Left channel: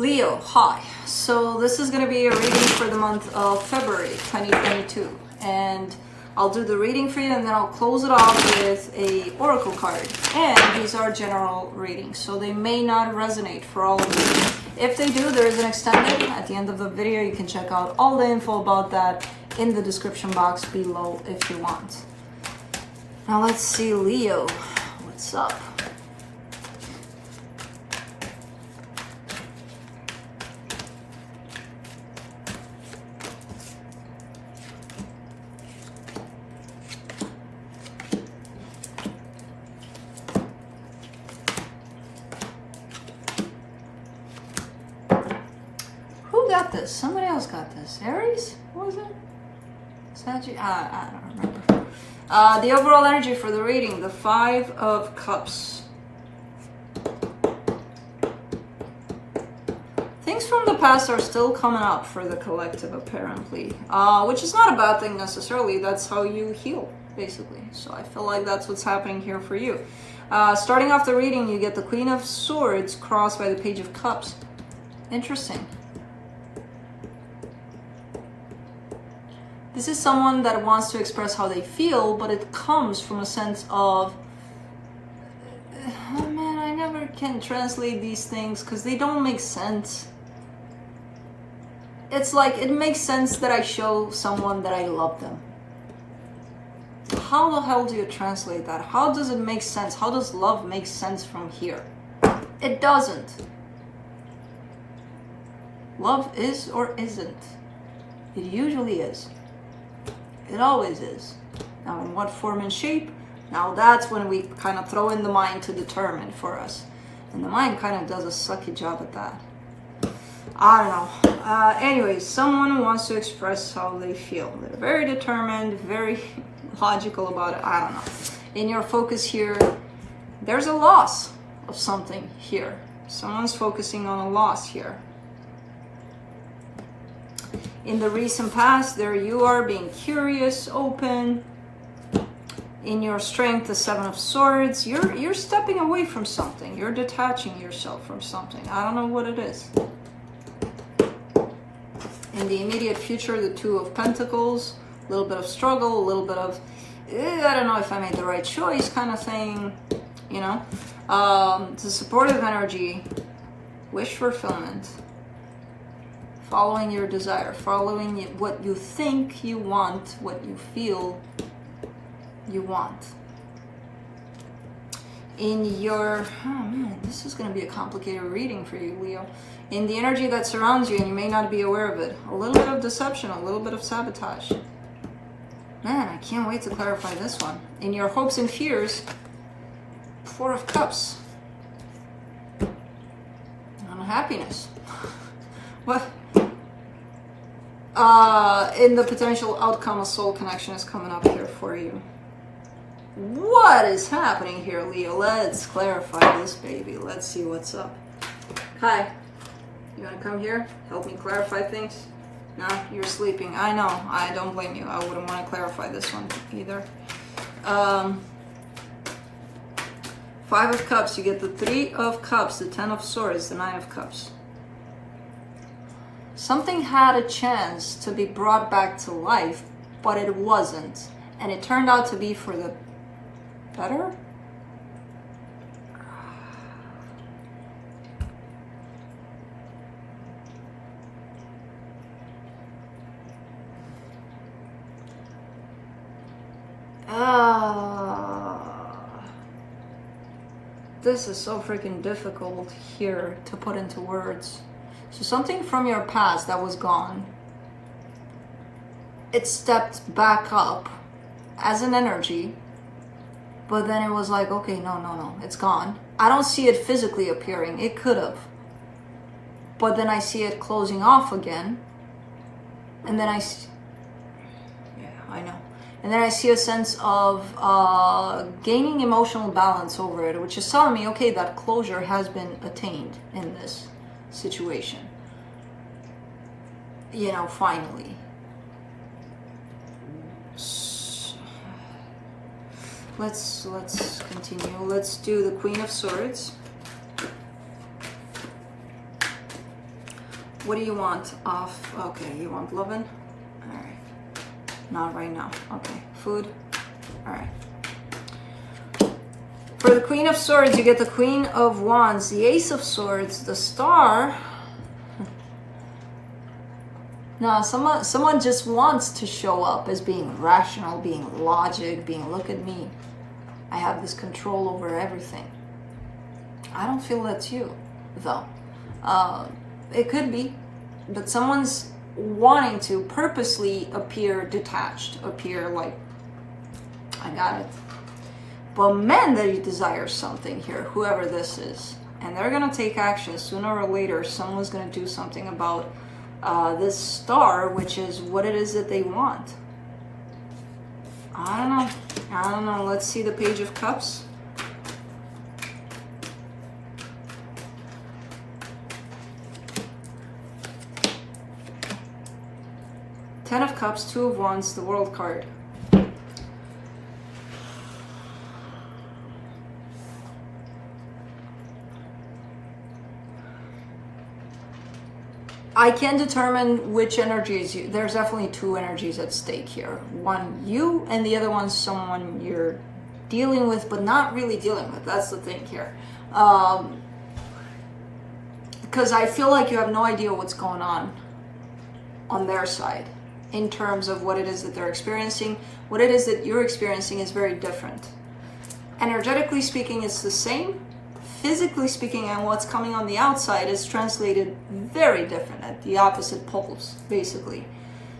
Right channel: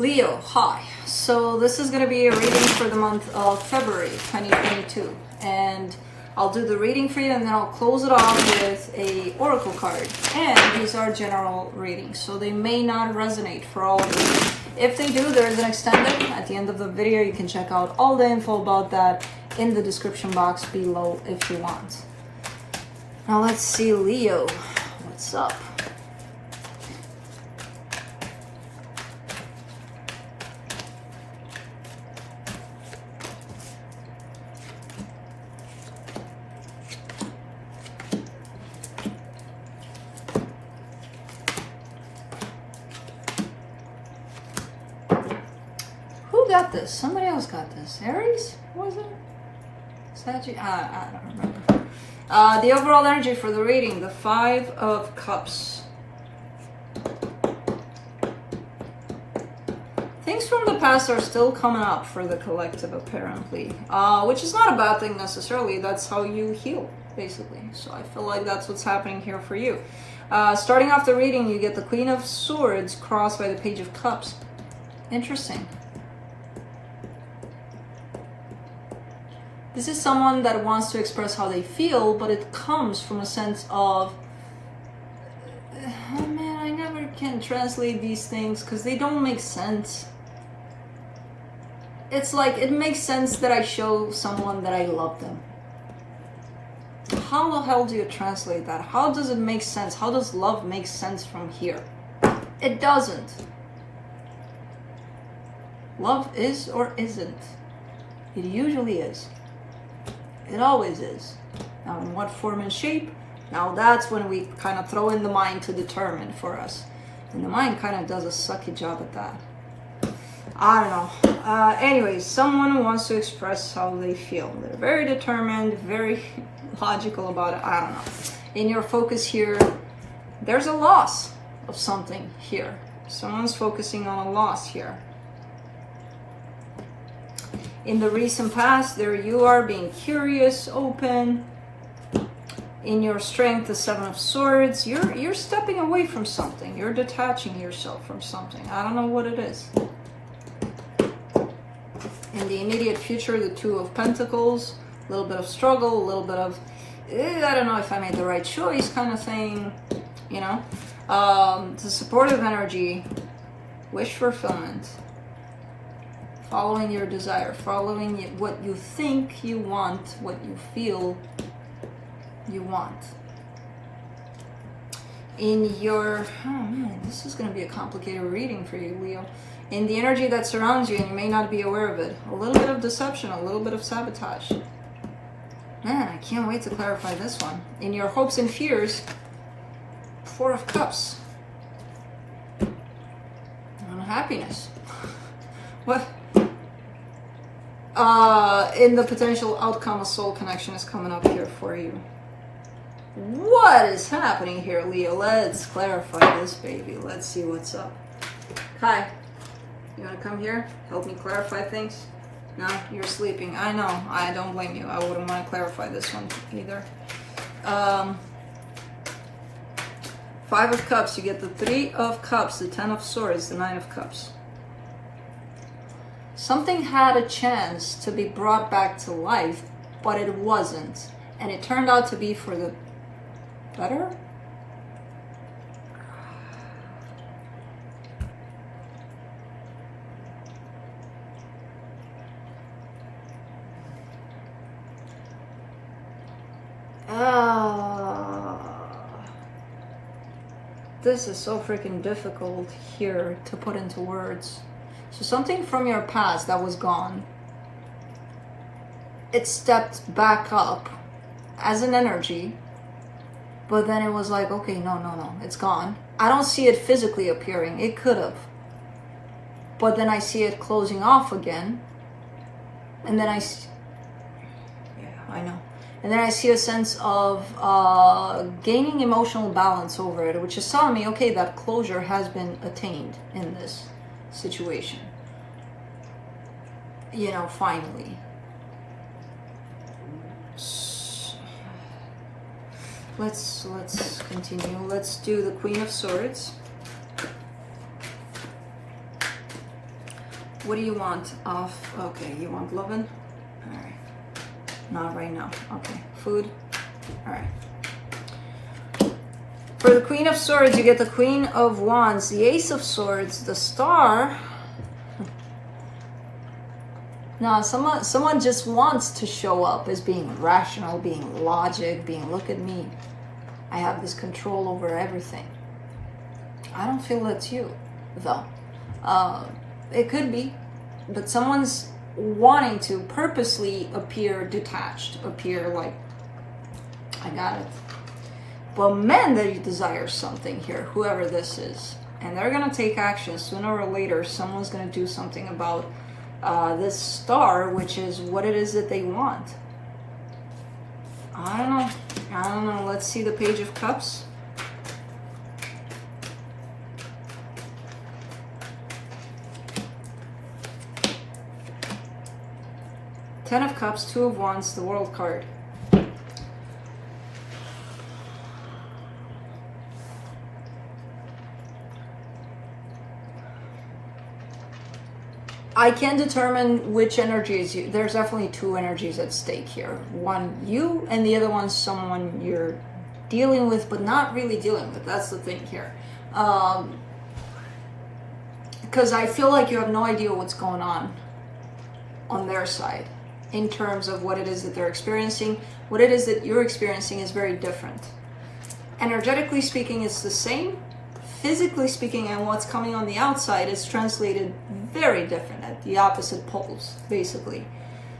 Leo, hi. So this is going to be a reading for the month of February 2022. And I'll do the reading for you and then I'll close it off with a oracle card. And these are general readings, so they may not resonate for all of you. If they do, there is an extended. At the end of the video, you can check out all the info about that in the description box below if you want. Now let's see, Leo, what's up? Got this. Somebody else got this. Aries? What was it? Sagittarius? I don't remember. The overall energy for the reading, the Five of Cups. Things from the past are still coming up for the collective, apparently. Which is not a bad thing necessarily. That's how you heal, basically. So I feel like that's what's happening here for you. Starting off the reading, you get the Queen of Swords crossed by the Page of Cups. Interesting. This is someone that wants to express how they feel, but it comes from a sense of, oh man, I never can translate these things because they don't make sense. It's like, it makes sense that I show someone that I love them. How the hell do you translate that? How does it make sense? How does love make sense from here? It doesn't. Love is or isn't. It usually is. It always is. Now in what form and shape? Now that's when we kind of throw in the mind to determine for us. And the mind kind of does a sucky job at that. I don't know. Anyways, someone wants to express how they feel. They're very determined, very logical about it. I don't know. In your focus here, there's a loss of something here. Someone's focusing on a loss here. In the recent past, there you are being curious, open. In your strength, the Seven of Swords, you're stepping away from something. You're detaching yourself from something. I don't know what it is. In the immediate future, the Two of Pentacles, a little bit of struggle, a little bit of, I don't know if I made the right choice kind of thing, you know. The supportive energy, wish fulfillment. Following your desire, following what you think you want, what you feel you want. In your, oh man, this is going to be a complicated reading for you, Leo. In the energy that surrounds you, and you may not be aware of it, a little bit of deception, a little bit of sabotage. Man, I can't wait to clarify this one. In your hopes and fears, Four of Cups. Unhappiness. What? In the potential outcome, a soul connection is coming up here for you. What is happening here, Leo? Let's clarify this, baby. Let's see what's up. Hi. You want to come here? Help me clarify things? No, you're sleeping. I know. I don't blame you. I wouldn't want to clarify this one either. Five of Cups. You get the Three of Cups, the Ten of Swords, the Nine of Cups. Something had a chance to be brought back to life, but it wasn't. And it turned out to be for the better? This is so freaking difficult here to put into words. So something from your past that was gone, it stepped back up as an energy, but then it was like, okay, no, it's gone. I don't see it physically appearing. It could have. But then I see it closing off again. And then I know. And then I see a sense of gaining emotional balance over it, which is telling me, okay, that closure has been attained in this situation. You know, finally. Let's continue. Let's do the Queen of Swords. What do you want? Okay, you want loving? All right. Not right now. Okay, food. All right. For the Queen of Swords, you get the Queen of Wands, the Ace of Swords, the Star. No, someone just wants to show up as being rational, being logic, being look at me. I have this control over everything. I don't feel that's you, though. It could be, but someone's wanting to purposely appear detached, appear like, I got it. But men, they desire something here, whoever this is. And they're going to take action. Sooner or later, someone's going to do something about this Star, which is what it is that they want. I don't know. Let's see the Page of Cups. Ten of Cups, Two of Wands, the World card. I can determine which energies you, there's definitely two energies at stake here. One, you, and the other one, someone you're dealing with, but not really dealing with. That's the thing here. Because I feel like you have no idea what's going on their side in terms of what it is that they're experiencing. What it is that you're experiencing is very different. Energetically speaking, it's the same. Physically speaking, and what's coming on the outside is translated very different at the opposite poles, basically.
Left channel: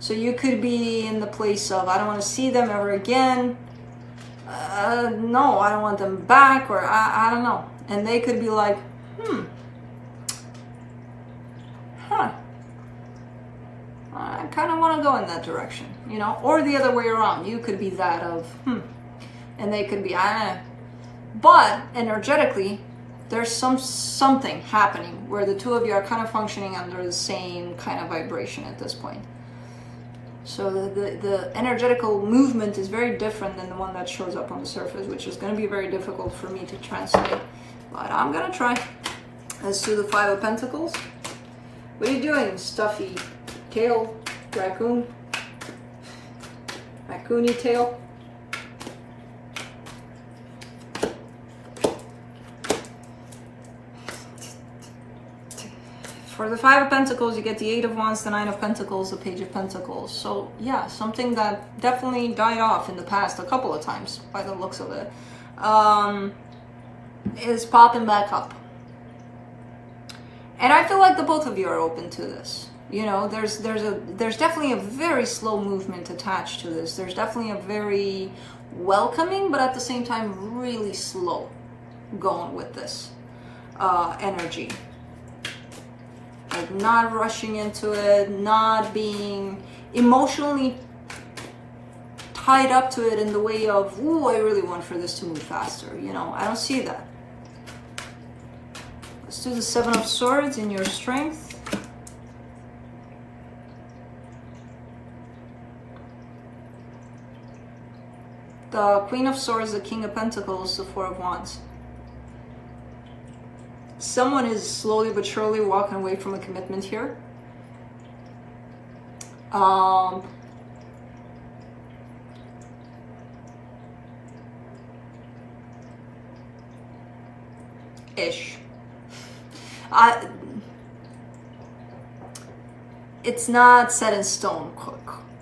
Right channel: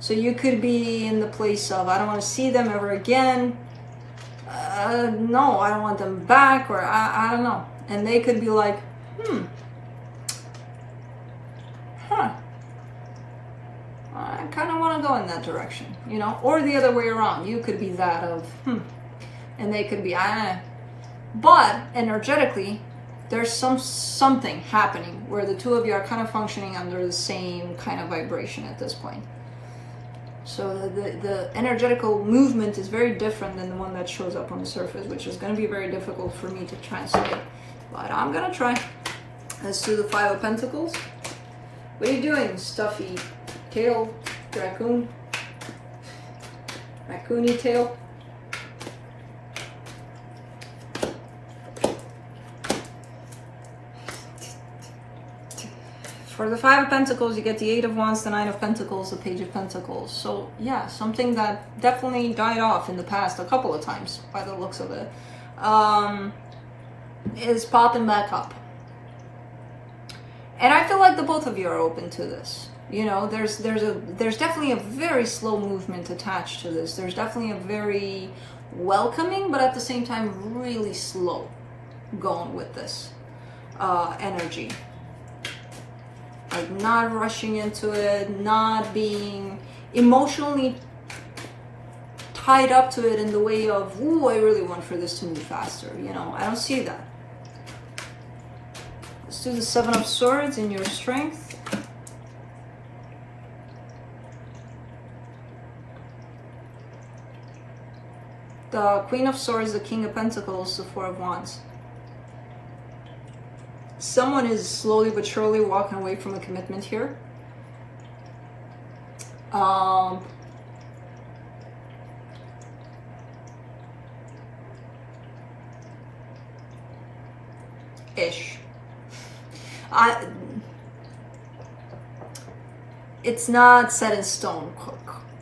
So you could be in the place of, I don't want to see them ever again. No, I don't want them back, or I don't know. And they could be like, I kind of want to go in that direction, you know, or the other way around. You could be that of, and they could be, But energetically, there's something happening where the two of you are kind of functioning under the same kind of vibration at this point. So the energetical movement is very different than the one that shows up on the surface, which is going to be very difficult for me to translate. But I'm going to try. Let's do the Five of Pentacles. What are you doing, stuffy tail, raccoon? Raccoony tail? For the Five of Pentacles, you get the Eight of Wands, the Nine of Pentacles, the Page of Pentacles. So yeah, something that definitely died off in the past a couple of times by the looks of it, is popping back up. And I feel like the both of you are open to this. You know, there's definitely a very slow movement attached to this. There's definitely a very welcoming, but at the same time really slow going with this energy. Like not rushing into it, not being emotionally tied up to it in the way of, ooh, I really want for this to move faster. You know, I don't see that. Let's do the Seven of Swords in your strength. The Queen of Swords, the King of Pentacles, the Four of Wands. Someone is slowly but surely walking away from a commitment here. Ish. It's not set in stone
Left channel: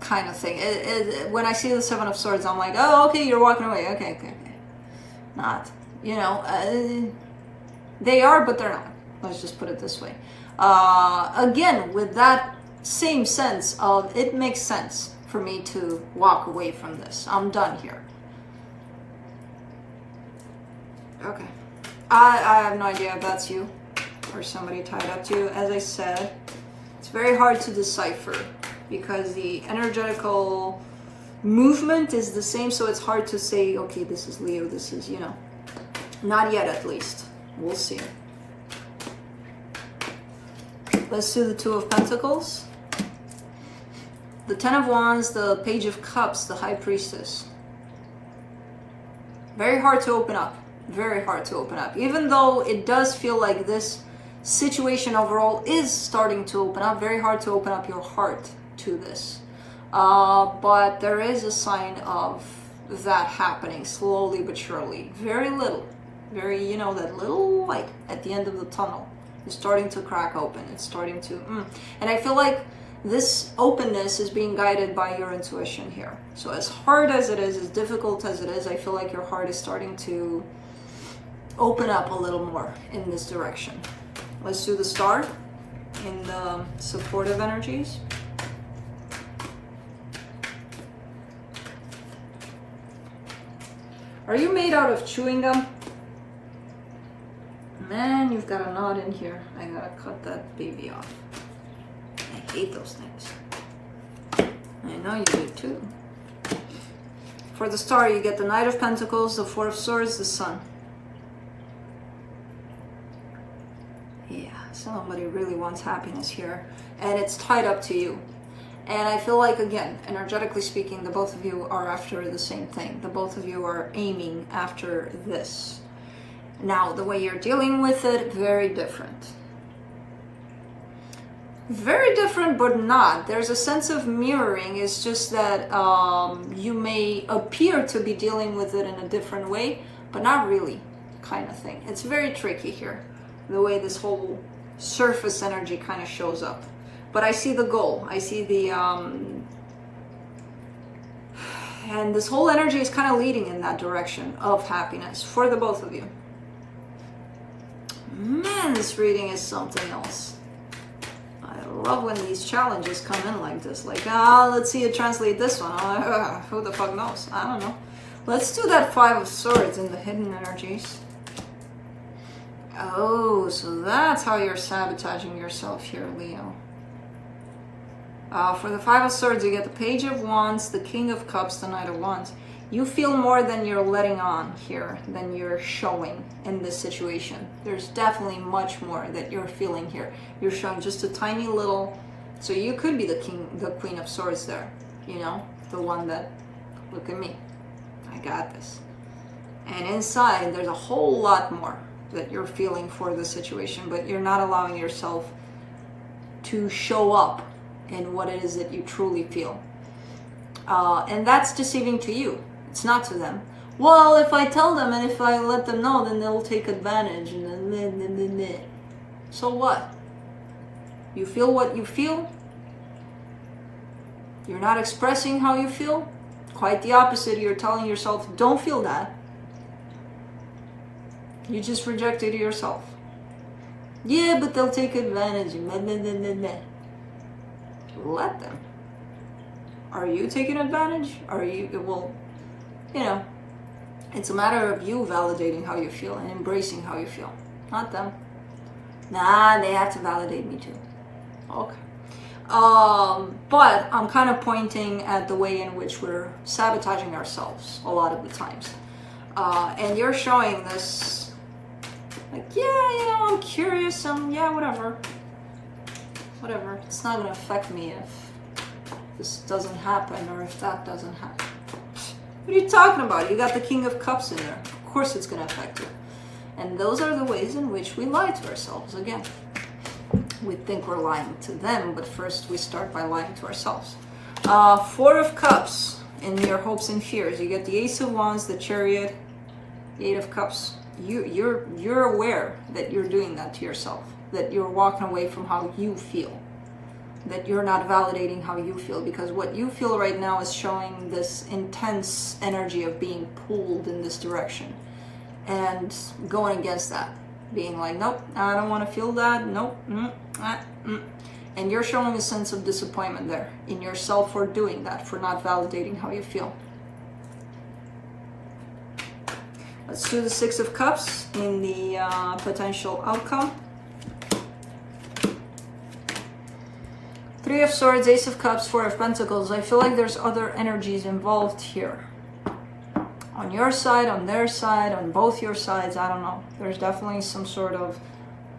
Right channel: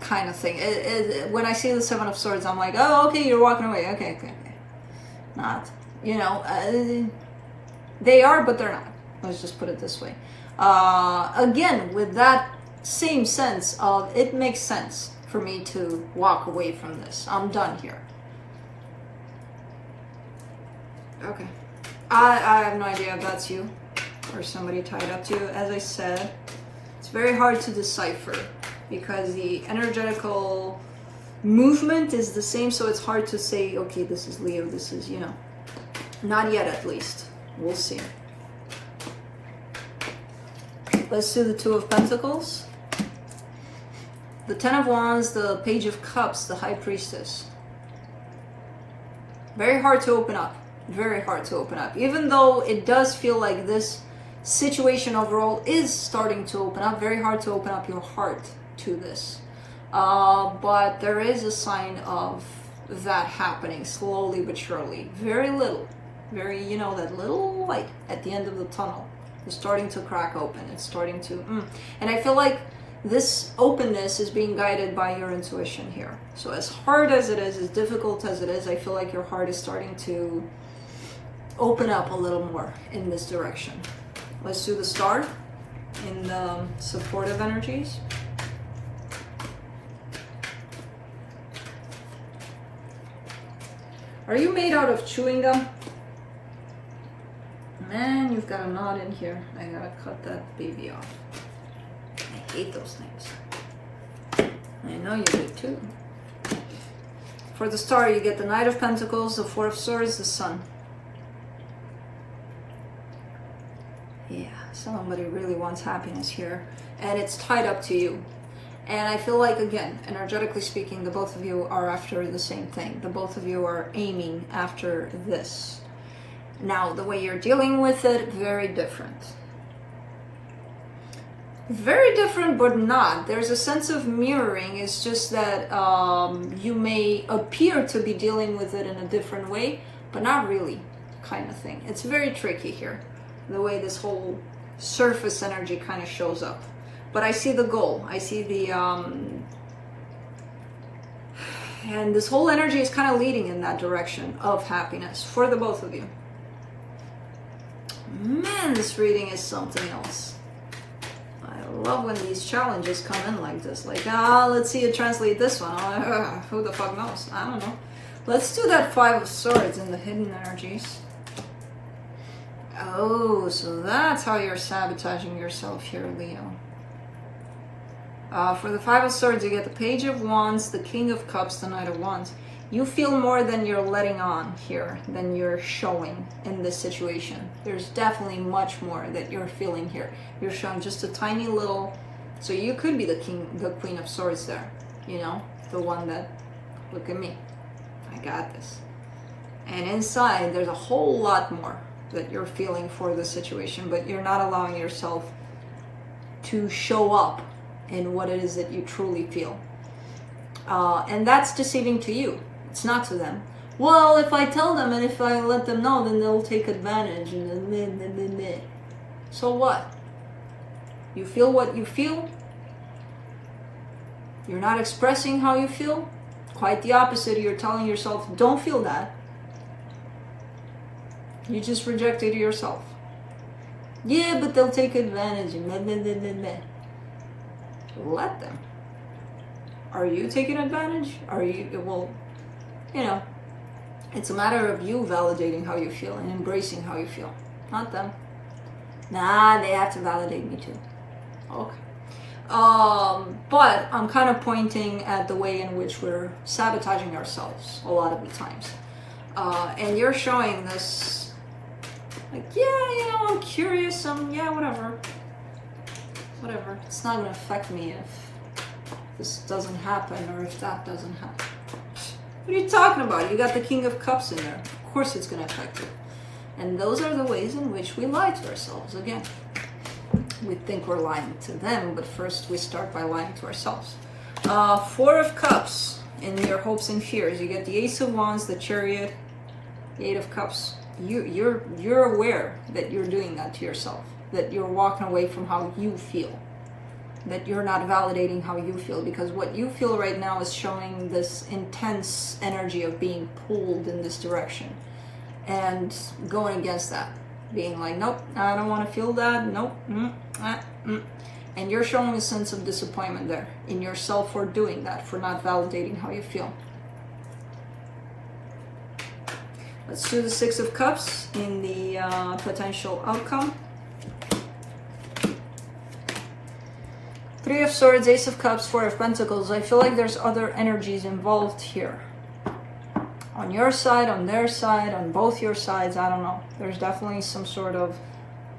kind of thing. When I see the Seven of Swords, I'm like, oh, okay, you're walking away. Okay. Not, you know, they are, but they're not. Let's just put it this way. Again, with that same sense of, it makes sense for me to walk away from this. I'm done here. Okay. I have no idea if that's you or somebody tied up to you. As I said, it's very hard to decipher because the energetical movement is the same, so it's hard to say, okay, this is Leo, this is, you know, not yet at least. We'll see. Let's do the Two of Pentacles. The Ten of Wands, the Page of Cups, the High Priestess. Very hard to open up. Very hard to open up. Even though it does feel like this situation overall is starting to open up. Very hard to open up your heart to this. But there is a sign of that happening slowly but surely. Very little. Very, you know, that little light at the end of the tunnel is starting to crack open. It's starting to, and I feel like this openness is being guided by your intuition here. So as hard as it is, as difficult as it is, I feel like your heart is starting to open up a little more in this direction. Let's do the star in the supportive energies. Are you made out of chewing gum? Man, you've got a knot in here. I gotta cut that baby off. I hate those things. I know you do too. For the star, you get the Knight of Pentacles, the Four of Swords, the Sun. Yeah, somebody really wants happiness here. And it's tied up to you. And I feel like, again, energetically speaking, the both of you are after the same thing. The both of you are aiming after this. Now, the way you're dealing with it, very different. Very different, but not. There's a sense of mirroring. It's just that you may appear to be dealing with it in a different way, but not really, kind of thing. It's very tricky here, the way this whole surface energy kind of shows up. But I see the goal. I see the... and this whole energy is kind of leading in that direction of happiness for the both of you. Man, this reading is something else. I love when these challenges come in like this. Like, let's see you translate this one. Who the fuck knows? I don't know. Let's do that Five of Swords in the hidden energies. Oh, so that's how you're sabotaging yourself here, Leo. For the Five of Swords, you get the Page of Wands, the King of Cups, the Knight of Wands. You feel more than you're letting on here, than you're showing in this situation. There's definitely much more that you're feeling here. You're showing just a tiny little, so you could be the Queen of Swords there, you know, the one that, look at me, I got this. And inside, there's a whole lot more that you're feeling for the situation, but you're not allowing yourself to show up in what it is that you truly feel. And that's deceiving to you. It's not to them. Well, if I tell them and if I let them know, then they'll take advantage. And then. So what? You feel what you feel? You're not expressing how you feel? Quite the opposite. You're telling yourself, don't feel that. You just rejected yourself. Yeah, but they'll take advantage. Let them. Are you taking advantage? Are you, well, you know, it's a matter of you validating how you feel and embracing how you feel, not them. Nah, they have to validate me too. Okay. But I'm kind of pointing at the way in which we're sabotaging ourselves a lot of the times. And you're showing this, like, yeah, I'm curious, yeah, whatever. Whatever. It's not going to affect me if this doesn't happen or if that doesn't happen. What are you talking about? You got the King of Cups in there. Of course it's going to affect you. And those are the ways in which we lie to ourselves again. We think we're lying to them, but first we start by lying to ourselves. Four of Cups in your hopes and fears. You get the Ace of Wands, the Chariot, the Eight of Cups. You're aware that you're doing that to yourself, that you're walking away from how you feel, that you're not validating how you feel, because what you feel right now is showing this intense energy of being pulled in this direction and going against that, being like, nope, I don't want to feel that, nope, and you're showing a sense of disappointment there in yourself for doing that, for not validating how you feel. Let's do the Six of Cups in the potential outcome. Three of Swords, Ace of Cups, Four of Pentacles. I feel like there's other energies involved here. On your side, on their side, on both your sides, I don't know. There's definitely some sort of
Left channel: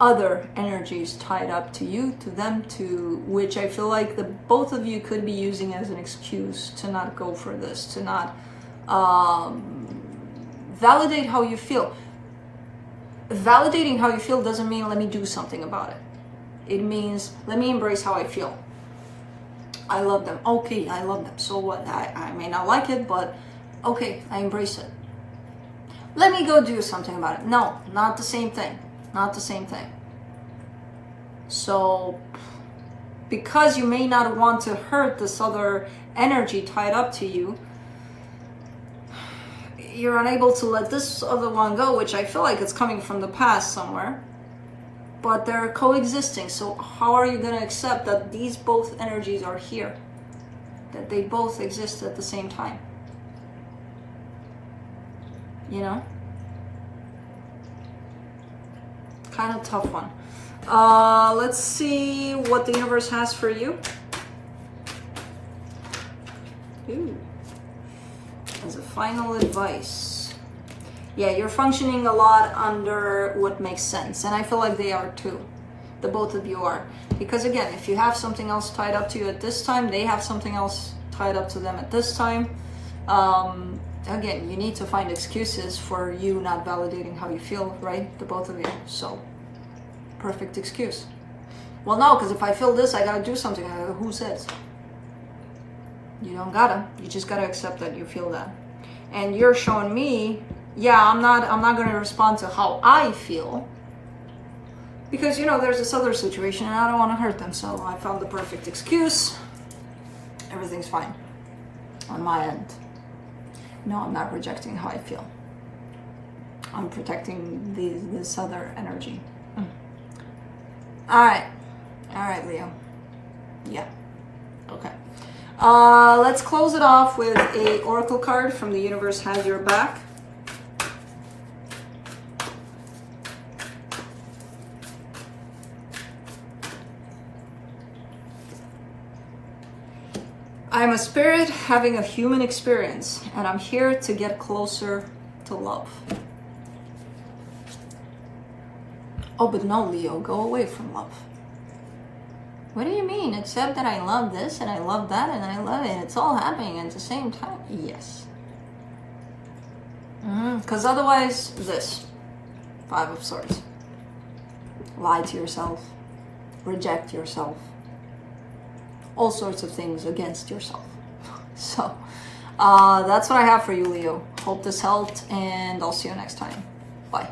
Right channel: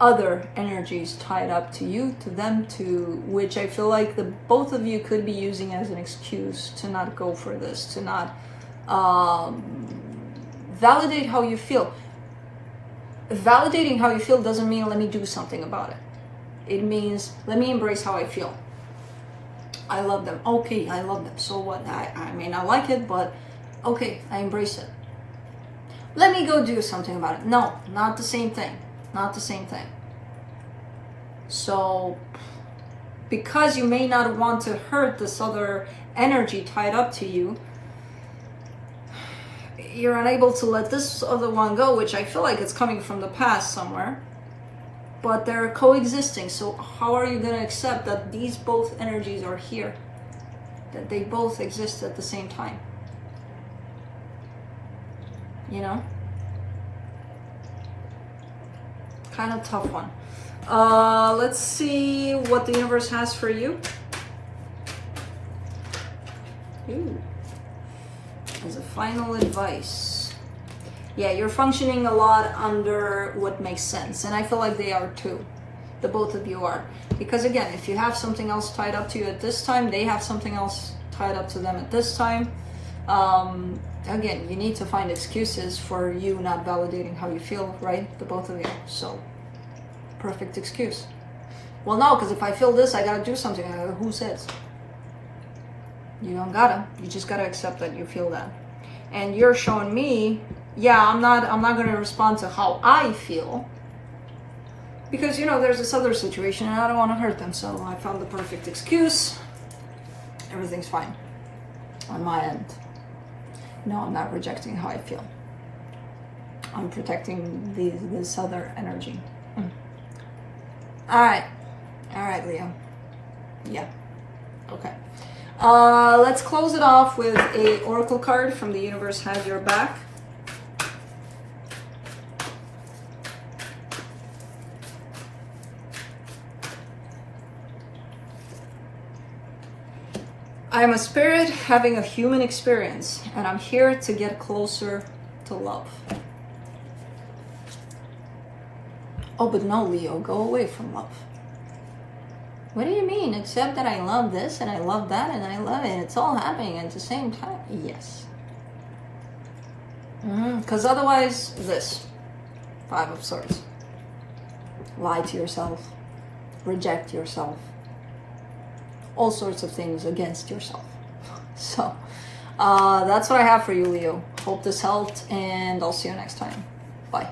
other energies tied up to you, to them, to which I feel like the both of you could be using as an excuse to not go for this, to not validate how you feel. validating how you feel doesn't mean let me do something about it. It means let me embrace how I feel. I love them. Okay, I love them. So what? I may not like it, but okay, I embrace it. Let me go do something about it. No, not the same thing. Not the same thing. So, because you may not want to hurt this other energy tied up to you, you're unable to let this other one go, which I feel like it's coming from the past somewhere. But they're coexisting. So how are you going to accept that these both energies are here? That they both exist at the same time? You know? Kind of tough one. Let's see what the universe has for you. Ooh. As a final advice. Yeah, you're functioning a lot under what makes sense. And I feel like they are too. The both of you are. Because again, if you have something else tied up to you at this time, they have something else tied up to them at this time. Again, you need to find excuses for you not validating how you feel, right? The both of you. So, perfect excuse. Well, no, because if I feel this, I gotta do something. Who says? You don't gotta. You just gotta accept that you feel that. And you're showing me, yeah, I'm not gonna respond to how I feel. Because, you know, there's this other situation and I don't want to hurt them. So I found the perfect excuse. Everything's fine on my end. No, I'm not rejecting how I feel. I'm protecting this other energy. All right, Leo. Yeah. Okay. Let's close it off with a oracle card from the universe has your back. I am a spirit having a human experience, and I'm here to get closer to love. Oh, but no, Leo, go away from love. What do you mean? Except that I love this, and I love that, and I love it. It's all happening at the same time. Yes. Because otherwise, this. 5 of Swords. Lie to yourself. Reject yourself. All sorts of things against yourself. So, that's what I have for you, Leo. Hope this helped, and I'll see you next time. Bye.